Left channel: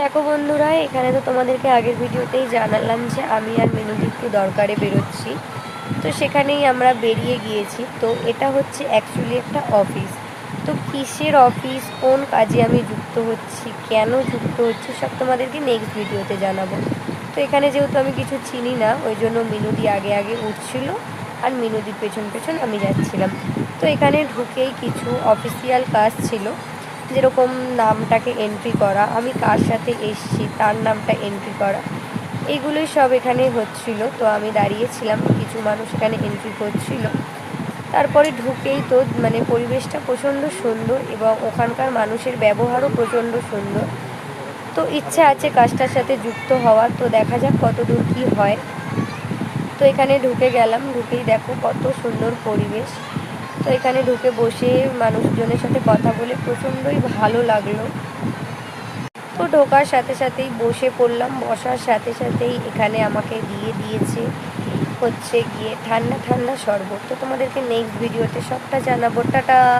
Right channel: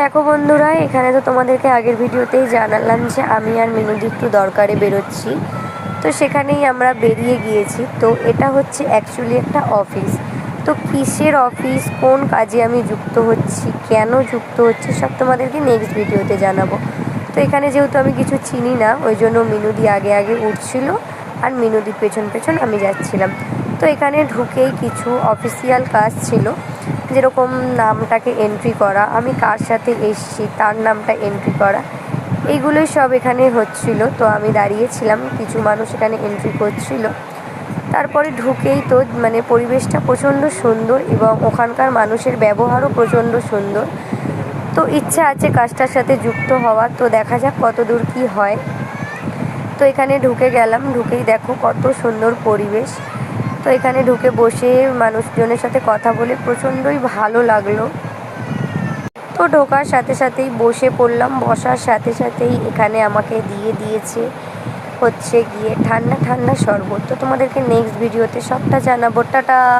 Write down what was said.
দেখো বন্ধুরা, এখানে তো তোমাদেরকে আগের ভিডিওতেই জানালাম যে আমি আর মিনুদি একটু দরকারে বেরোচ্ছি। তো সেখানেই আমরা বেরিয়ে গিয়েছি। তো এটা হচ্ছে অ্যাকচুয়ালি একটা অফিস। তো কিসের অফিস, কোন কাজে আমি যুক্ত হচ্ছি, কেন যুক্ত হচ্ছি, সব তোমাদেরকে নেক্সট ভিডিওতে জানাবো। তো এখানে যেহেতু আমি কিছু চিনি না, ওই জন্য মিনুদি আগে আগে উঠছিল আর মিনুদির পেছন পেছন আমি যাচ্ছিলাম। তো এখানে ঢুকেই কিছু অফিসিয়াল কাজ ছিল, যেরকম নামটাকে এন্ট্রি করা, আমি কার সাথে এসছি তার নামটা এন্ট্রি করা, এইগুলোই সব এখানে হচ্ছিল। তো আমি দাঁড়িয়েছিলাম, কিছু মানুষ এখানে এন্ট্রি করছিল। তারপরে ঢুকেই তো পরিবেশটা প্রচণ্ড সুন্দর এবং ওখানকার মানুষের ব্যবহারও প্রচণ্ড সুন্দর। তো ইচ্ছে আছে কাজটার সাথে যুক্ত হওয়ার, তো দেখা যাক কত দূর কী হয়। তো এখানে ঢুকে গেলাম, ঢুকেই দেখো কত সুন্দর পরিবেশ। তো এখানে ঢুকে বসে মানুষজনের সাথে কথা বলে প্রচণ্ডই ভালো লাগলো। তো ঢোকার সাথে সাথেই বসে পড়লাম, বসার সাথে সাথেই এখানে আমাকে দিয়েছে হচ্ছে গিয়ে ঠান্ডা ঠান্ডা শরবত। তো তোমাদেরকে নেক্সট ভিডিওতে সবটা জানাবো। টাটা।